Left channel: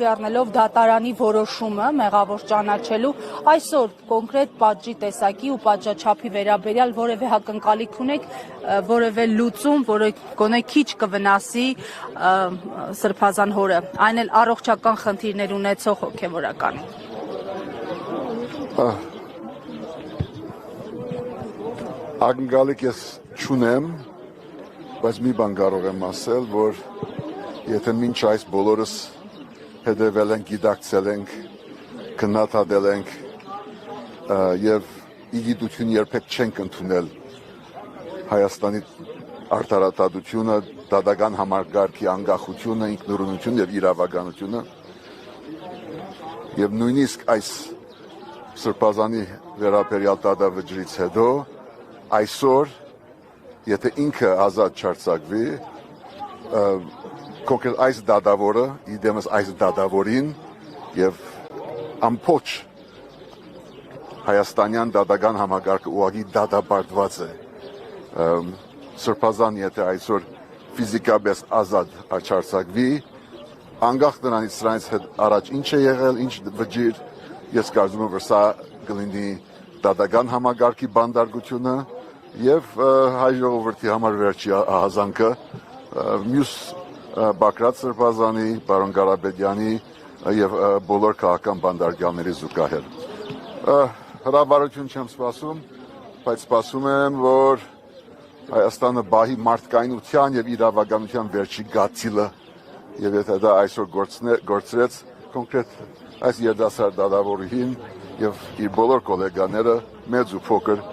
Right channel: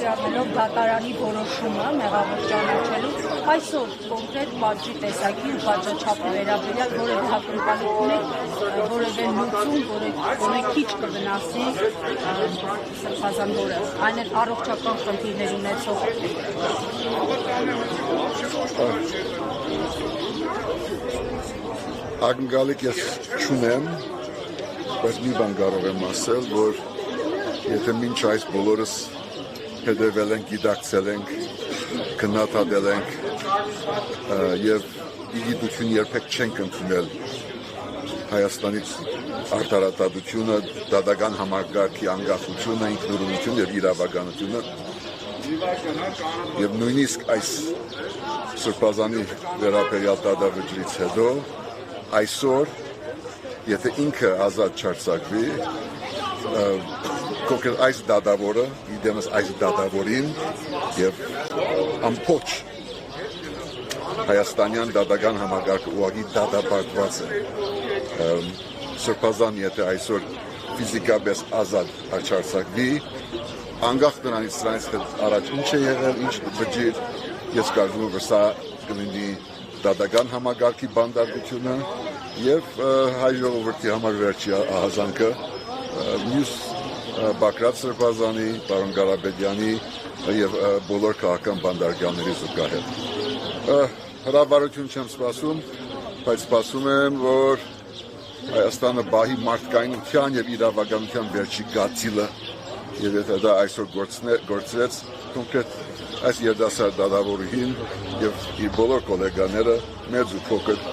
հաշվի առնելով դատարանի որոշումը մեղավոր ճանաչելու այսօր կոնկրետ պատժի տեսակի ու պատժաչափի վերաբերյալ որևէ հակընկալիք ունեք, որևէ լուծում, որը գոնե քիչ կվնասի Սրբազան հորը, այն էլ առողջական խնդիրներ ունեցող հոգևորական։ Ակնկալիք ես չունեմ, բայց մի բան կարող եմ ասել, որ եթե մինչ այս բոլորս հետևել ենք, գիտակցել ենք, քննադատել ենք եւ իգիտություն երբեք չենք ընդունել Հայաստանից արդարադատությունը, դատական համակարգի անկախությունը, ինքնուրույնությունը եւ իրավականությունը եւ նույնիսկ այս Սրբազանի վերաբերյալ դատավճռից հետո այսօր եթե ինքը ազատ չարձակվի կոկել այս դատավորը իդեմս այս դատավորին եւ ամբողջ հայաստանյան դատական համակարգը ուղղակի դատապարտված է Սրբազան եթե այսօր ֆիզիկապես ազատ չարձակվի անկախ նրանից սրանից առաջ ինչ է եղել ինչ վճիռ ես կարծում եմ որ սա կլինի դատական համակարգի բանդարգությունը եւ հայ ժողովրդի համար վերջի ահազանգը մյուս Բակրատ Սրբազանի, պարոն Ղարաբեդյանի եւ բոլոր քաղաքական բանդարգաների զուգահեռ։ Հրավառություն չեմ սպասում, բայց սպասում եմ, որ Հայաստանը բահի մարդկայնության եւ իրավականության վերջի գացիլը եւ եթե դա այսօր գործրեց կոնկրետ այս երդասարդ դատավորին եւ իր բոլոր գոլեգաները մեծ ու փոքր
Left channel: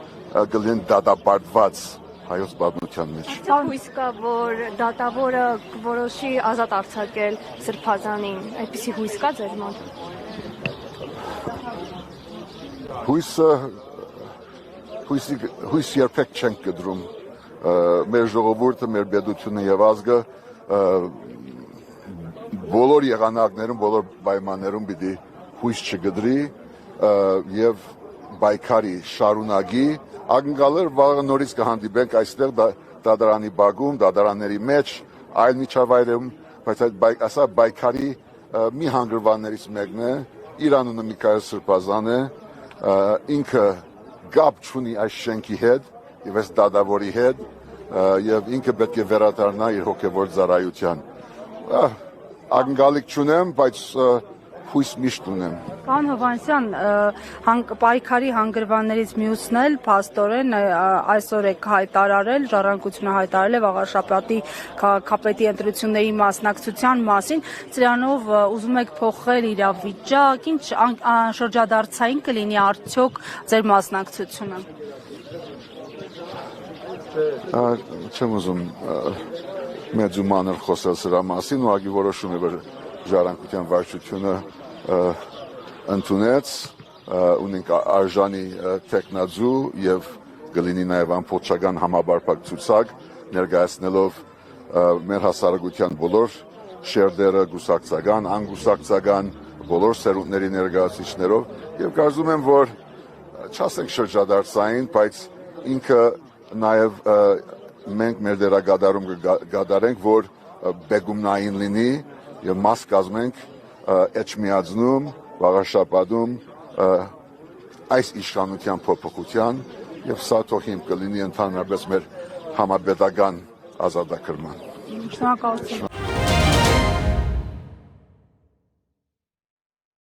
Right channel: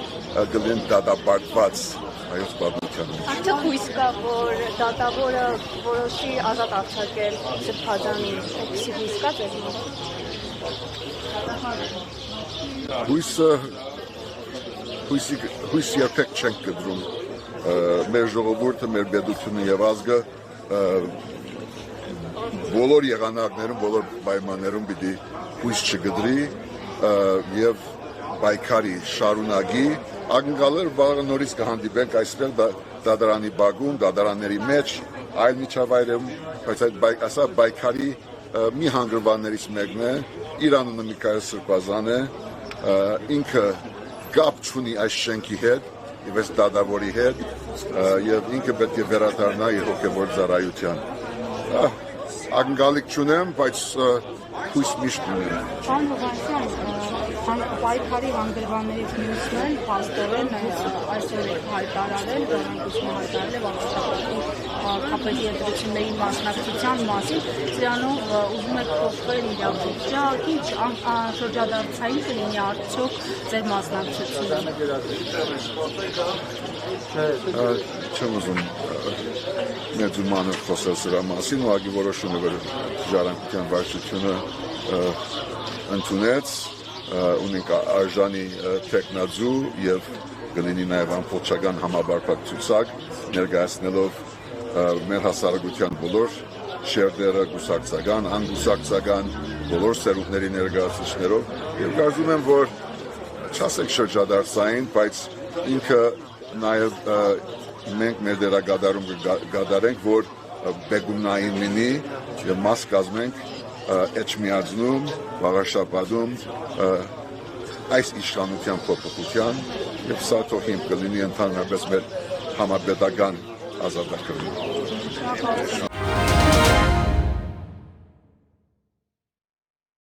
գլին դատապարտված հայոց պատմության մեջ։ Ինչ հույս կա, որ դատավորը որոշի ազատ արձակել Սրբազանին, այդպիսի հույս կա ձեզ մոտ։ Հույս երբեք չենք կտրում։ Մեր ժողովուրդը, մեր պետությունը եւ ազգը բոլոր եղանակներում, բոլոր պայմաններում պիտի հույս չգտրի եւ բայկարի շարունակի ակնկալել վաղը նորից կհանդիպենք այստեղ դատարանի բակում, դատարանների մեջ, այլ միջավայրում, բայց այս բայկարի մի հանգրվաններից մեկն է, իր անունը Միքայել Սրբազան է, ինքը կապ չունի այս շենքի հետ եւ այս դատավորի հետ եւ ինքը պետք է վերադառնա իր հոգեվոր ծառայության։ Ակնկալիք չունեմ, բայց հույս միշտ ունեմ։ Պարոն Հովհաննիսյան, պայքարի հանգրվաններից մյուսն էլ փաստորեն այսօր եք հայտարարել, ժառանգությունը հայտարարել է Վաղարշապատի քաղաքապետի ընտրությունների մասնակցության մասին, սրանով ուզում եք փոխել իրավիճակ, ինչ շրջադարձային կլինի արդյոք ձեր մասնակցությունը։ Չեմ ուզում մեծ ու մանր խոսել սրա մասին, ուղղակի որոշում է, որ ժառանգության վարչությունը ընդունեց, ունենք արժանի տեխնաձու եւ կլինի նաեւ ամբողջական համապարփակ ցուցակ ներկայացնելով մեր հասարակության բոլոր շերտերը գուսակցական, անգուսակցական բոլոր սերունդների ներկայացուցիչներով եւ կարծում եմ, որ չասեք շրջադարձային, բայց ինքը նաեւ մենք մեր դերակատարում կգադարենք, որ բեգումնային լինի եւ մաս կազմենք Էջմիածնում, Վաղարշապատում այս իշխանության փոփոխության եւ սա թող հիմք կլինի ընդհանրապես մեր համապետական ազատագրման։ Շնորհակալություն։